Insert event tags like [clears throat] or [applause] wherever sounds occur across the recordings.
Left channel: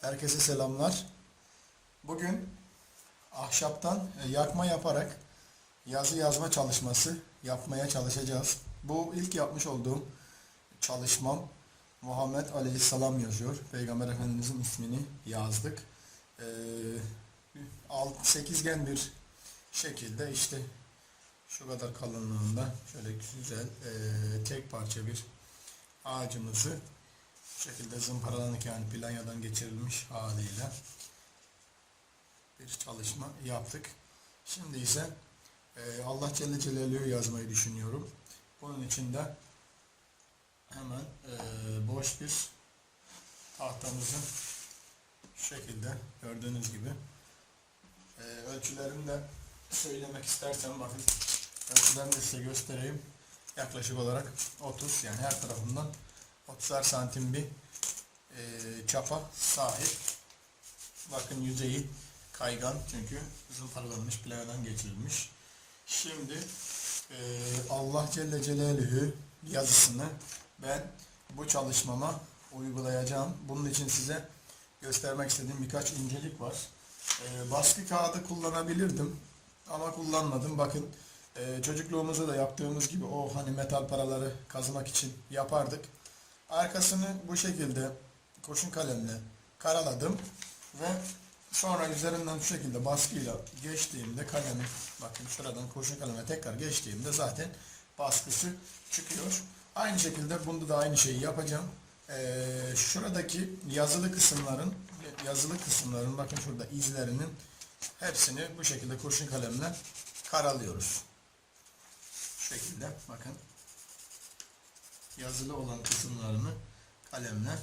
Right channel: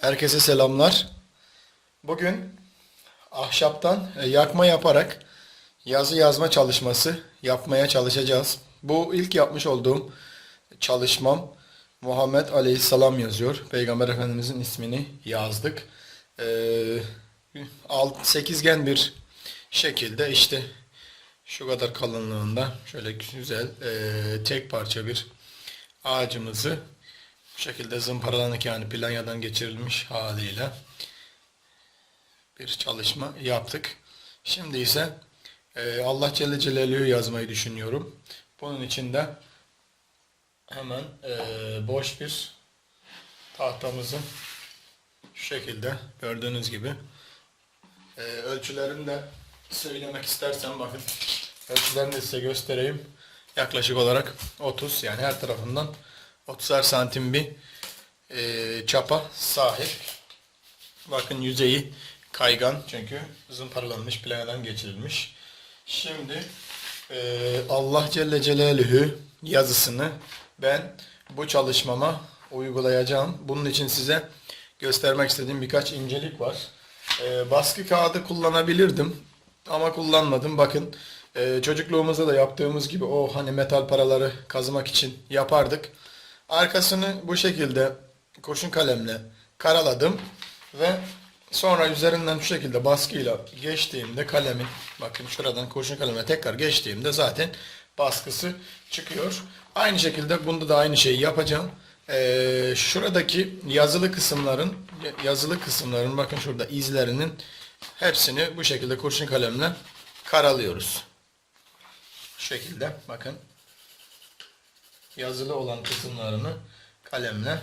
Herkese selamlar. Bugün ahşaptan e, yakma yaparak yazı yazma çalışması yapmaya çalışacağız. Bu ilk yapmış olduğum çalışmam Muhammed Aleyhisselam yazıyor. Peygamber Efendimizin ismini yazdık. Ee, alt sekizgen bir şekilde işte şu kadar kalınlığında şöyle güzel e, tek parça bir ağacımızı bu şekilde zımparalanık yani planyadan geçirilmiş haliyle bir çalışma yaptık. Şimdi ise e, Allah Celle Celaluhu yazmayı düşünüyorum. Bunun için de hemen e, boş bir tahtamızın şu şekilde gördüğünüz gibi e, ölçülerini de söylemek istersem bakın ölçülerini de size göstereyim. Yaklaşık olarak 30 yani her tarafından 30'ar santim bir e, çapa sahip. Bakın yüzeyi kaygan çünkü zımparalanmış planeden geçirilmiş. Şimdi e, Allah Celle Celaluhu yazısını ben bu çalışmama uygulayacağım. Bunun için size göstermek istediğim birkaç incelik var. E, baskı kağıdı kullanabilirdim ama kullanmadım. Bakın e, çocukluğumuzda da yaptığımız gibi o hani metal paraları kazımak için yapardık. Arkasını bu şekilde kurşun kalemle karaladım ve sonra üzerinden şu şekilde baskıyla geçtiğimde kalemi bakın şuradan kurşun kalemle tekrar geçtiğimde zaten baskısı çıkıyor. Aynı şekilde bunda da aynı şeyi yapacağım. Ee, şuradaki yazılı kısımların yazılı kısımların bakın şurada izlerinin hepsini bu şekilde kurşun kalemle karalıyoruz. Şu şekilde bakın yazılı olan kısımlarını kalemle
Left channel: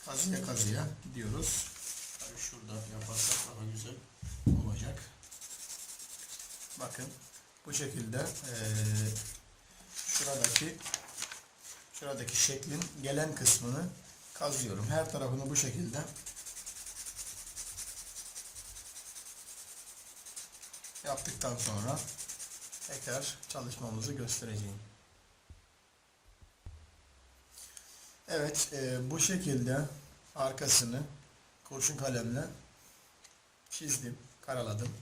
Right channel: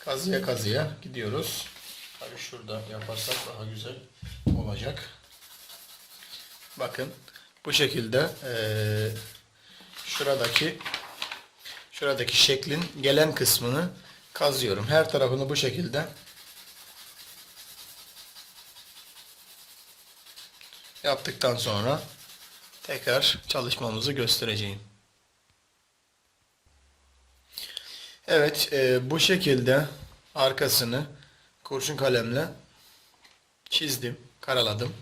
kazıya kazıya gidiyoruz. Tabii şurada yaparsak daha güzel olacak. Bakın bu şekilde eee, şuradaki şuradaki şeklin gelen kısmını kazıyorum. Her tarafını bu şekilde yaptıktan sonra tekrar çalışmamızı göstereceğim. Evet, e, bu şekilde arkasını kurşun kalemle çizdim, karaladım.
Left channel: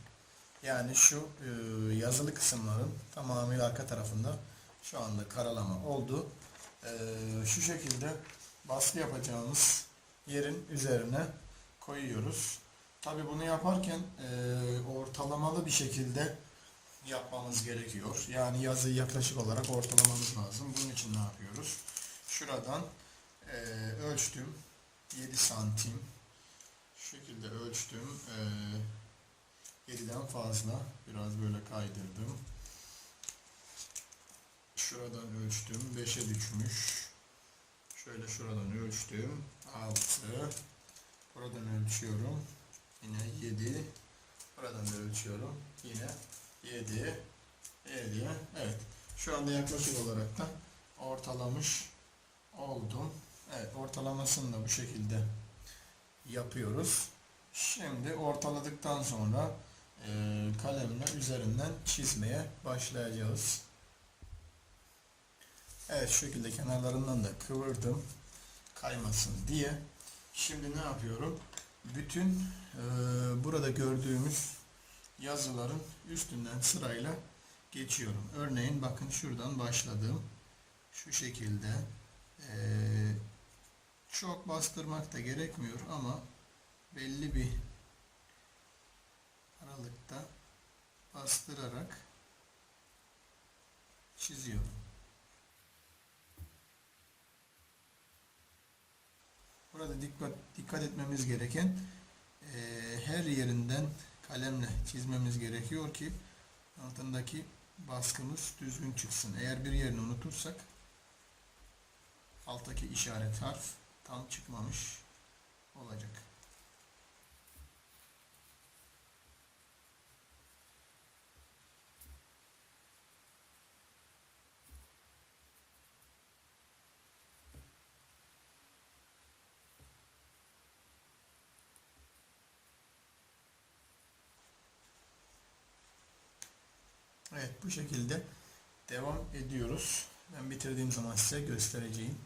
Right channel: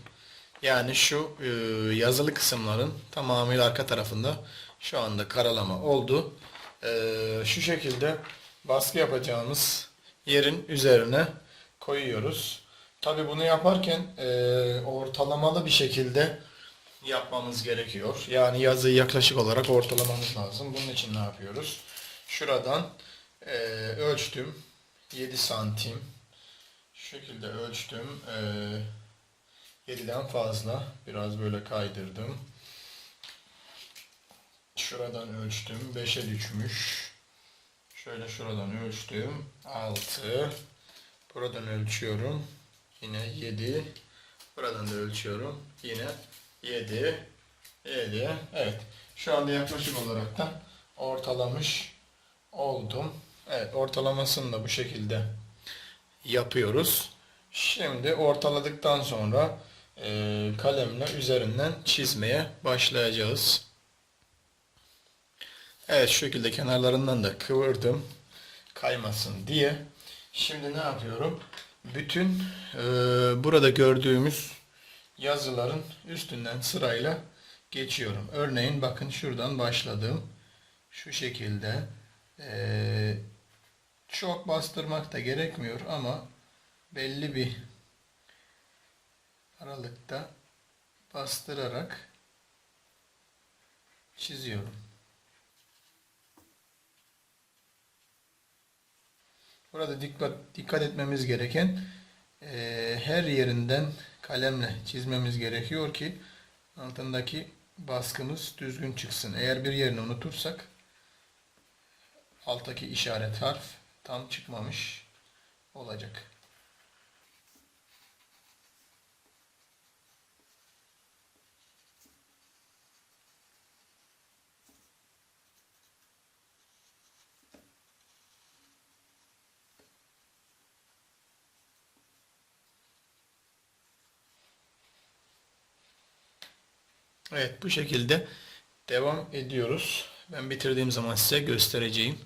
Yani şu e, yazılı kısımların tamamıyla arka tarafında şu anda karalama oldu. E, şu şekilde baskı yapacağımız yerin üzerine koyuyoruz. Tabi bunu yaparken e, ortalamalı bir şekilde yapmamız gerekiyor. Yani yazıyı yaklaşık olarak ortalamamız lazım. Bunun için ne yapıyoruz? Şuradan e, ölçtüm. 7 santim. Şu şekilde ölçtüm. E, 7'den fazla. Biraz böyle kaydırdım. Şuradan ölçtüm. 5'e düşmüş. Şöyle şuradan ölçtüm. 6. Buradan ölçüyorum. Yine 7. Buradan da ölçüyorum. Yine 7. 7. Evet. Şu anda yaklaşık olarak da ortalamış oldum. Evet ortalamasını da bu şekilde yapıyoruz. Şimdi ortaladıktan sonra e, kalemle üzerinden çizmeye başlayacağız. Evet şu şekilde kenarlarından da kıvırdım kaymasın diye. Şimdi ne yapıyorum? Bütün e, burada gördüğümüz yazıların üstünden sırayla geçiyorum. Örneğin bakın şuradan başladım. Şu şekilde ee, çok bastırmak da gerekmiyor ama belli bir aralıkta bastırarak çiziyorum. Burada dikkat dikkat etmemiz gereken eee, her yerinden kalemle çizmemiz gerekiyor ki altındaki baskımız düzgün çıksın. Eğer bir yerini unutursak alttaki işaret harf tam çıkmamış olacak. Evet bu şekilde devam ediyoruz. Ben bitirdiğim zaman size göstereceğim.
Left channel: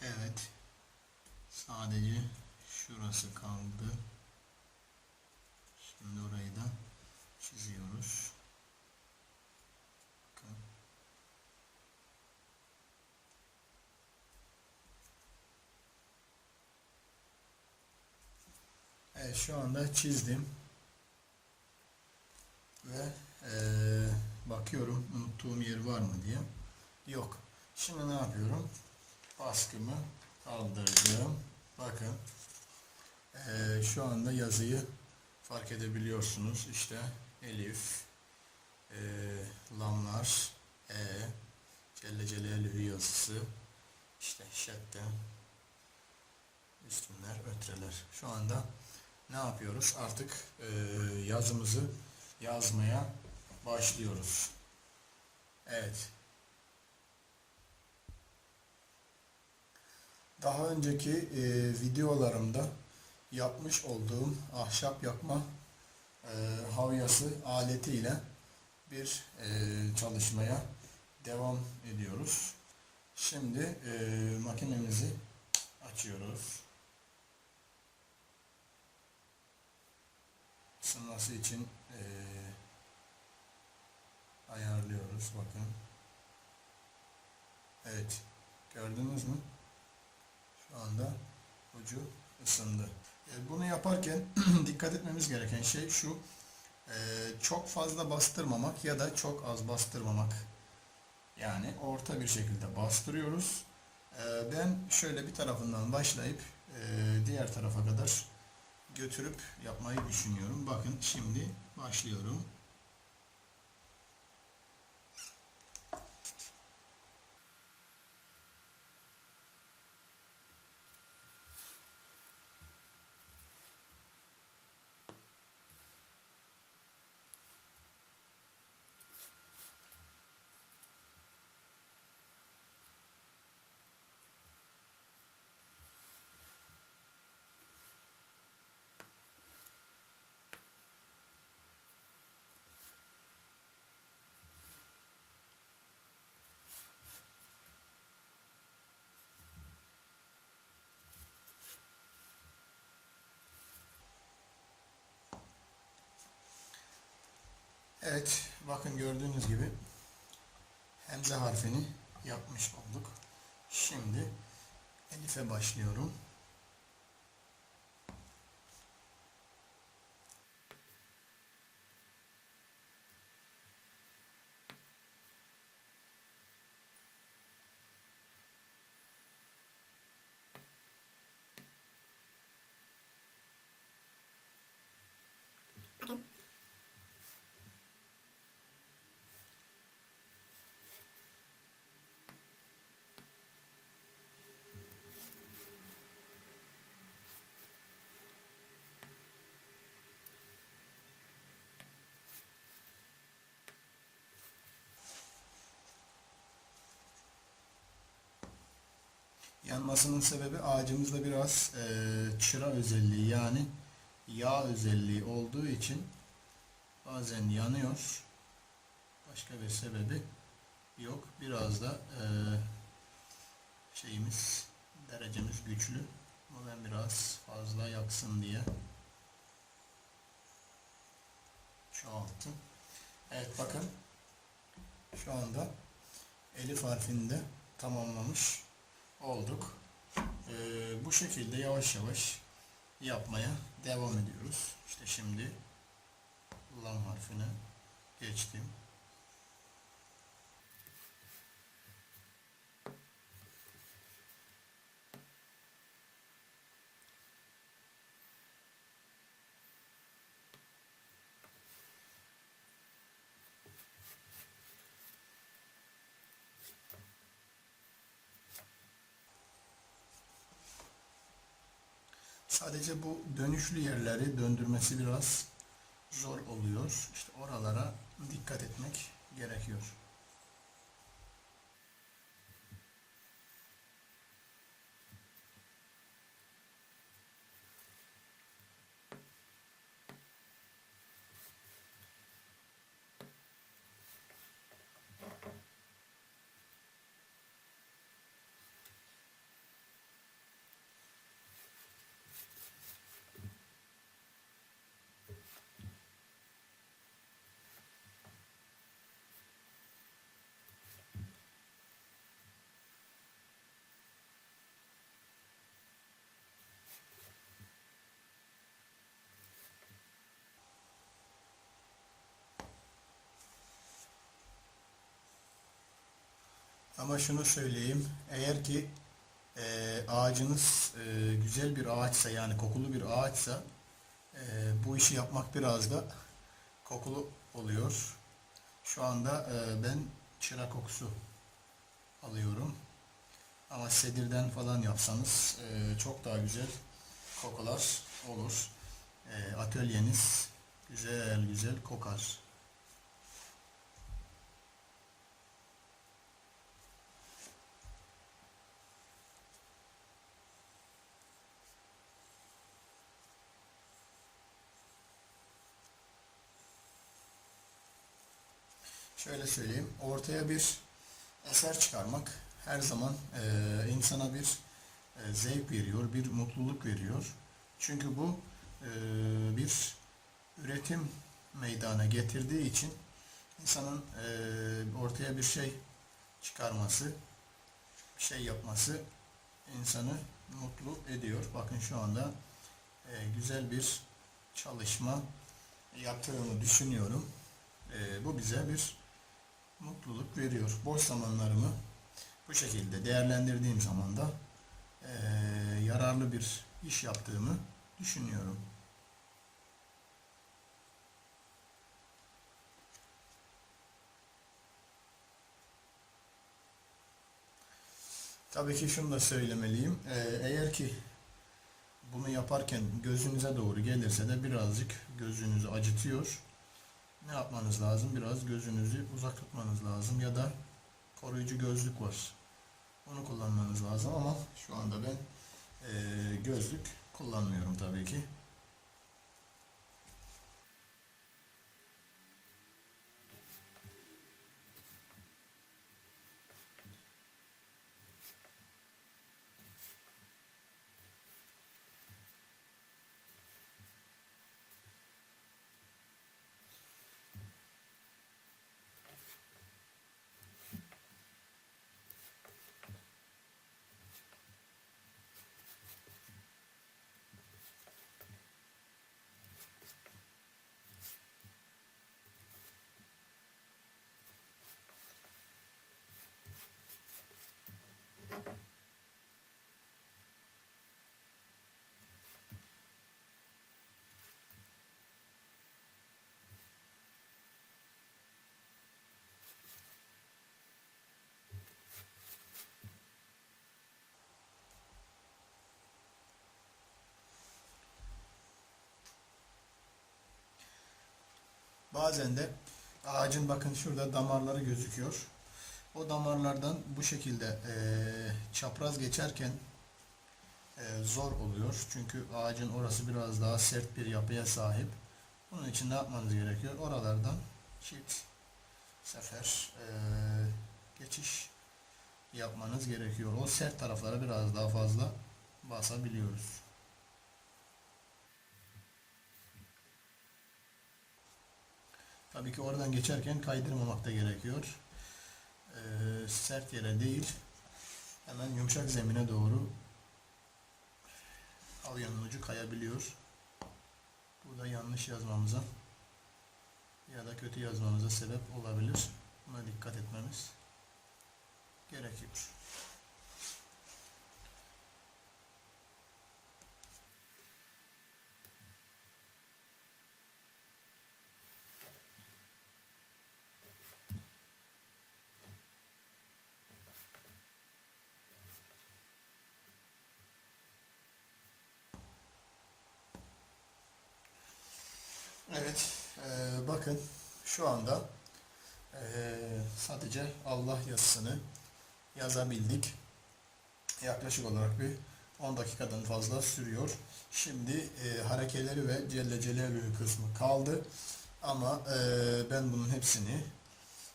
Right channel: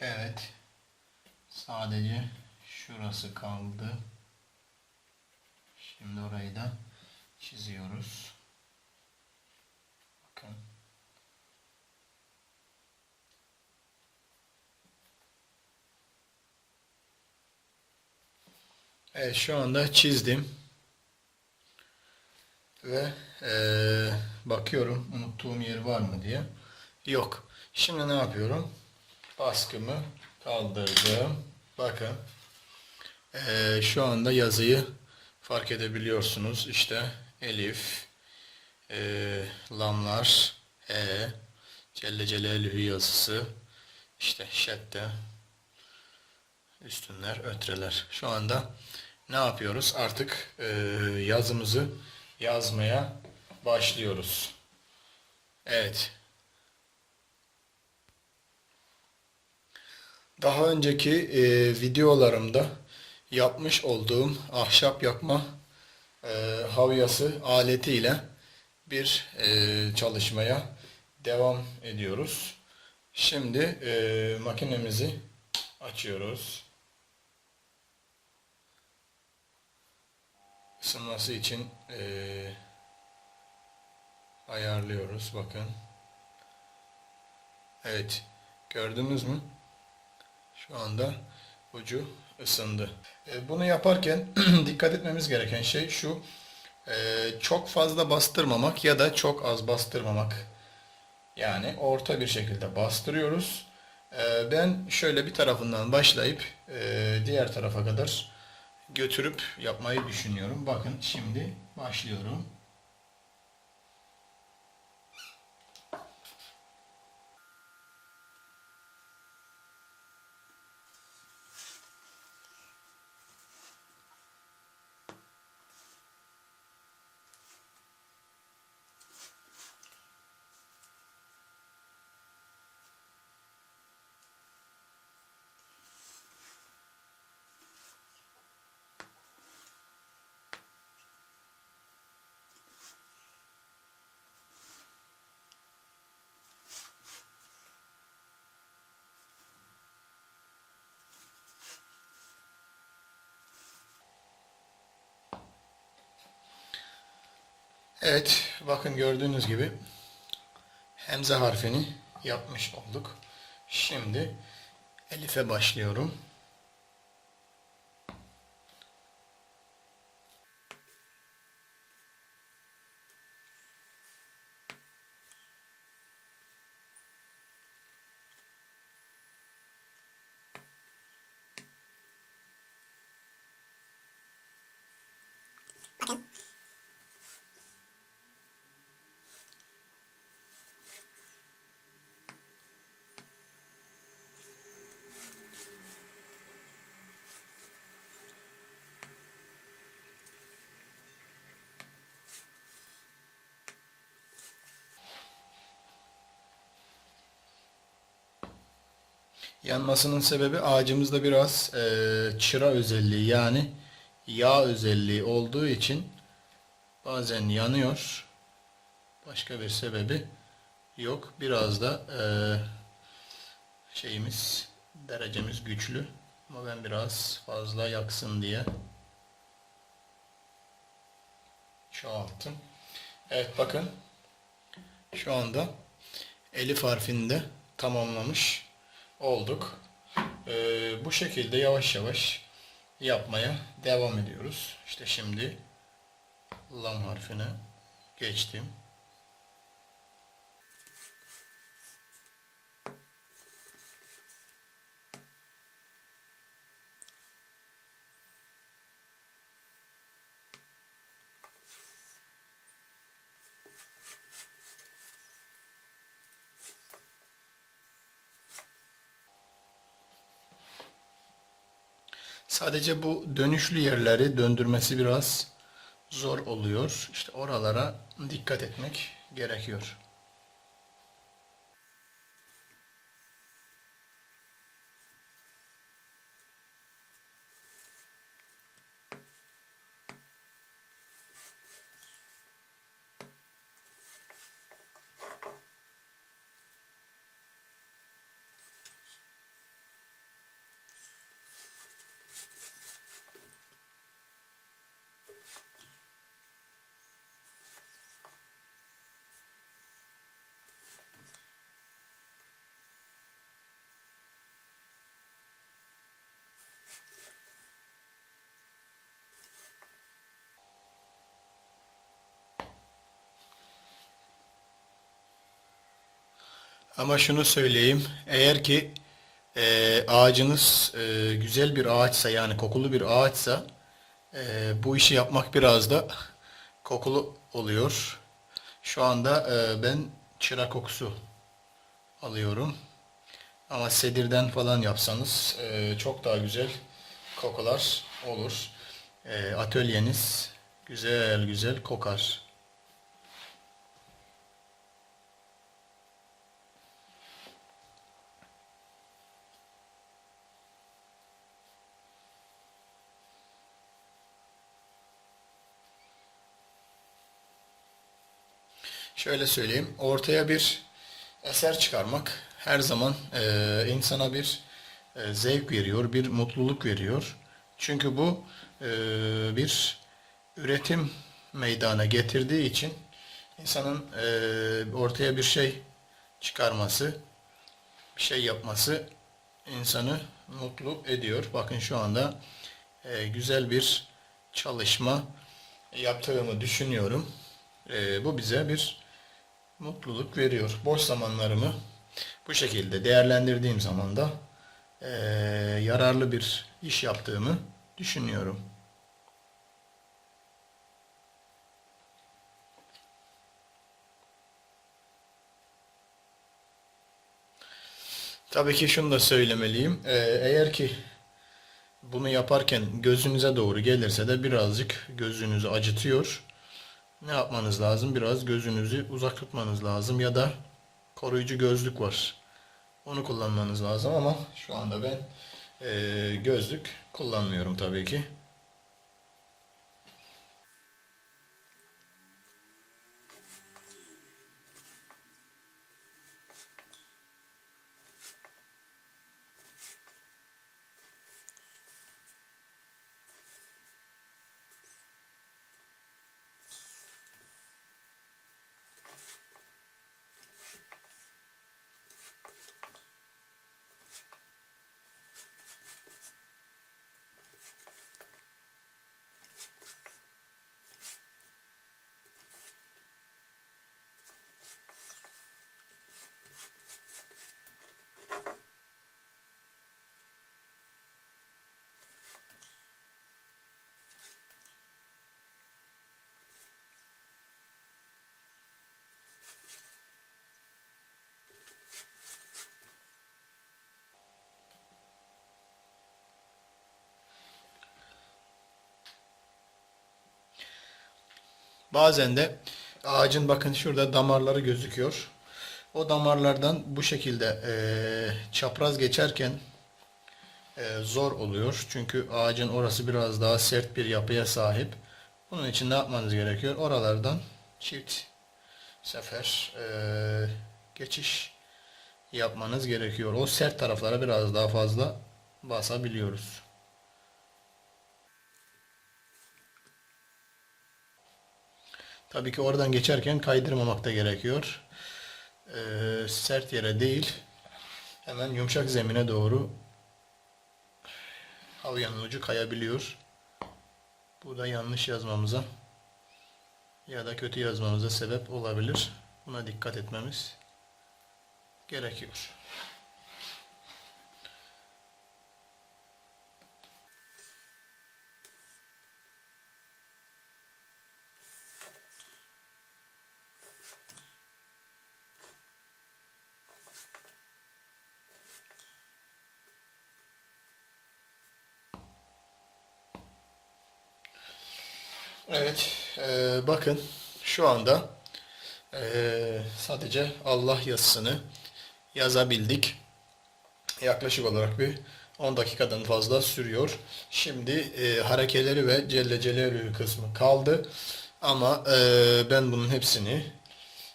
Evet. Sadece şurası kaldı. Şimdi orayı da çiziyoruz. Bakın. Evet şu anda çizdim. Ve eee, bakıyorum unuttuğum yer var mı diye. Yok. Şimdi ne yapıyorum? Baskımı kaldırdım. Bakın. Eee, şu anda yazıyı fark edebiliyorsunuz. İşte elif, eee, lamlar, e, celle celalühü yazısı, işte şedde, üstünler, ötreler. Şu anda ne yapıyoruz? Artık eee, yazımızı yazmaya başlıyoruz. Evet. Daha önceki eee, videolarımda yapmış olduğum ahşap yakma eee havyası aletiyle bir eee, çalışmaya devam ediyoruz. Şimdi eee, makinemizi açıyoruz. ısınması için eee, ayarlıyoruz. Bakın. Evet. Gördünüz mü? Şu anda ucu ısındı. E, bunu yaparken [clears throat] dikkat etmemiz gereken şey şu. e, çok fazla bastırmamak ya da çok az bastırmamak. Yani orta bir şekilde bastırıyoruz. E, ben şöyle bir tarafından başlayıp diğer tarafa kadar götürüp yapmayı düşünüyorum. Bakın şimdi başlıyorum. Evet, bakın gördüğünüz gibi hemze harfini yapmış olduk. Şimdi elife başlıyorum. Yanmasının sebebi ağacımızda biraz eee, çıra özelliği yani yağ özelliği olduğu için bazen yanıyor. Başka bir sebebi yok. Biraz da eee, şeyimiz derecemiz güçlü. Ama ben biraz fazla yaksın diye çoğalttım. Evet bakın şu anda elif harfini de tamamlamış olduk. Ee, bu şekilde yavaş yavaş yapmaya devam ediyoruz. İşte şimdi lam harfine geçtim. Sadece bu dönüşlü yerleri döndürmesi biraz zor oluyor. İşte oralara dikkat etmek gerekiyor. Ama şunu söyleyeyim. Eğer ki e, ağacınız e, güzel bir ağaçsa yani kokulu bir ağaçsa e, bu işi yapmak biraz da kokulu oluyor. Şu anda e, ben çıra kokusu alıyorum. Ama sedirden falan yapsanız e, çok daha güzel kokular olur. E, atölyeniz güzel güzel kokar. Şöyle söyleyeyim, ortaya bir eser çıkarmak her zaman e, insana bir e, zevk veriyor, bir mutluluk veriyor. Çünkü bu e, bir üretim meydana getirdiği için insanın e, ortaya bir şey çıkarması, bir şey yapması insanı mutlu ediyor. Bakın şu anda e, güzel bir çalışma yaptığımı düşünüyorum. E, bu bize bir mutluluk veriyor. Boş zamanlarımı bu şekilde değerlendirdiğim zaman da eee, yararlı bir iş yaptığımı düşünüyorum. Tabii ki şunu da söylemeliyim. Eğer ki bunu yaparken gözünüze doğru gelirse de birazcık gözünüzü acıtıyor. Ne yapmanız lazım? Biraz gözünüzü uzak tutmanız lazım ya da koruyucu gözlük var. Onu kullanmanız lazım ama şu anda ben eee, gözlük kullanmıyorum tabii ki. Bazen de ağacın bakın şurada damarları gözüküyor. O damarlardan bu şekilde eee, çapraz geçerken eee, zor oluyor. Çünkü ağacın orası biraz daha sert bir yapıya sahip. Bunun için ne yapmanız gerekiyor? Oralardan çift sefer eee, geçiş yapmanız gerekiyor. O sert taraflara biraz daha fazla basabiliyoruz. Tabii ki oradan geçerken kaydırmamak da gerekiyor. Ee, sert yere değil, hemen yumuşak zemine doğru havyanın ucu kayabiliyor. Bu da yanlış yazmamıza ya da kötü yazmamıza sebep olabilir. Buna dikkat etmemiz gerekiyor. Evet, eee, bakın şu anda eee, sadece Allah yazısını yazabildik. Yaklaşık olarak bir 10 dakikadan fazla sürüyor. Şimdi eee harekeleri ve Celle Celaluhu kısmı kaldı. Ama eee, ben bunun hepsini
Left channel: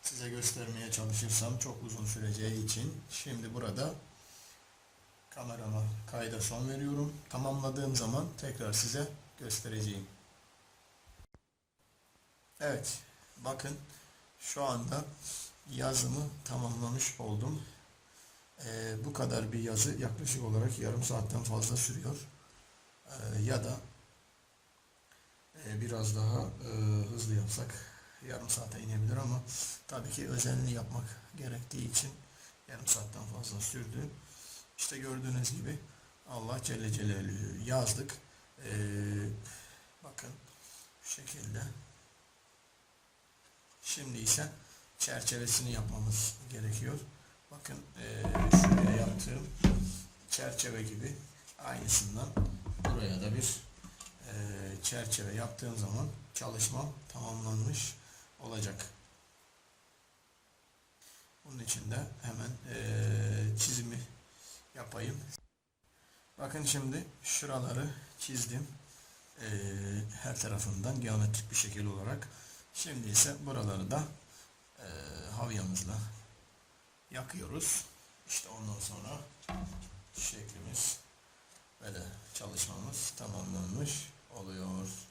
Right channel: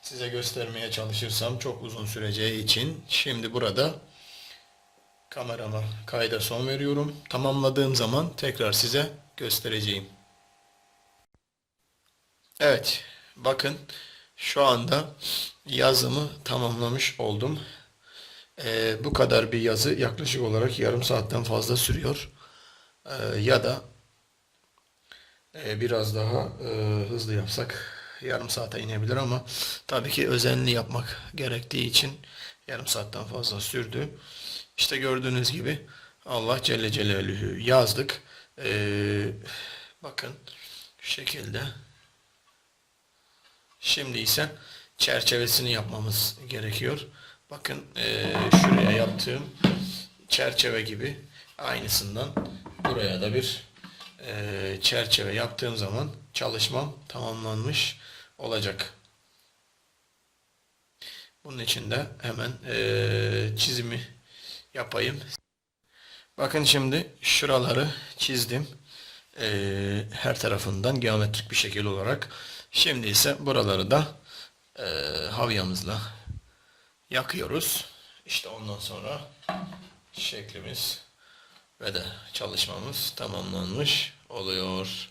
size göstermeye çalışırsam çok uzun süreceği için şimdi burada kamerama kayda son veriyorum. Tamamladığım zaman tekrar size göstereceğim. Evet, bakın şu anda yazımı tamamlamış oldum. Ee, bu kadar bir yazı yaklaşık olarak yarım saatten fazla sürüyor. Ee, ya da e, biraz daha e, hızlı yapsak yarım saate inebilir ama tabii ki özenli yapmak gerektiği için Yarım saatten fazla sürdü. İşte gördüğünüz gibi Allah Celle Celaluhu yazdık. Ee, bakın şu şekilde. Şimdi ise çerçevesini yapmamız gerekiyor. Bakın ee, şuraya yaptığım çerçeve gibi aynısından buraya da bir ee, çerçeve yaptığım zaman çalışmam tamamlanmış olacak. Bunun için de hemen ee, çizimi yapayım. Bakın şimdi şuraları çizdim. Ee, her tarafından geometrik bir şekil olarak. Şimdi ise buraları da ee, havyamızla yakıyoruz. İşte ondan sonra şeklimiz ve de çalışmamız tamamlanmış oluyor.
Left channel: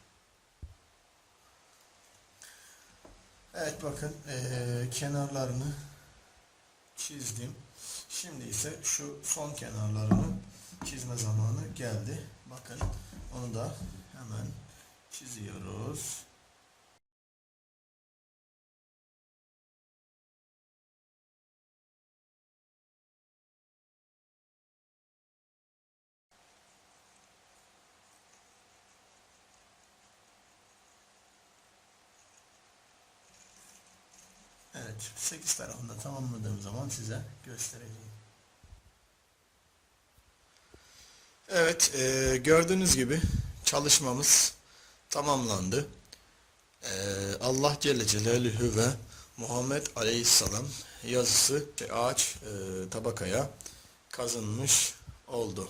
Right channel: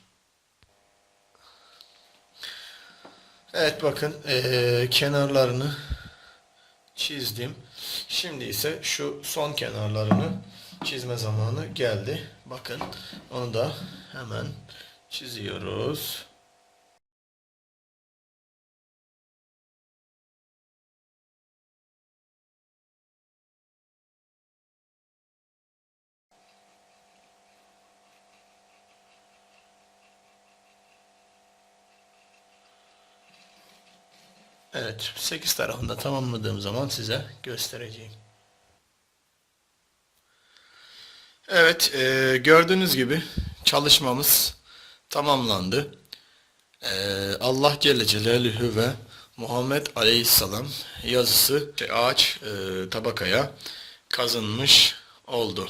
Evet bakın ee, kenarlarını çizdim. Şimdi ise şu son kenarlarını çizme zamanı geldi. Bakın onu da hemen çiziyoruz. Evet, 8 tarafında tamamladığım zaman size göstereceğim. Evet, e, gördüğünüz gibi çalışmamız tamamlandı. E, Allah Celle Celaluhu ve Muhammed Aleyhisselam yazısı ağaç e, tabakaya kazınmış oldu.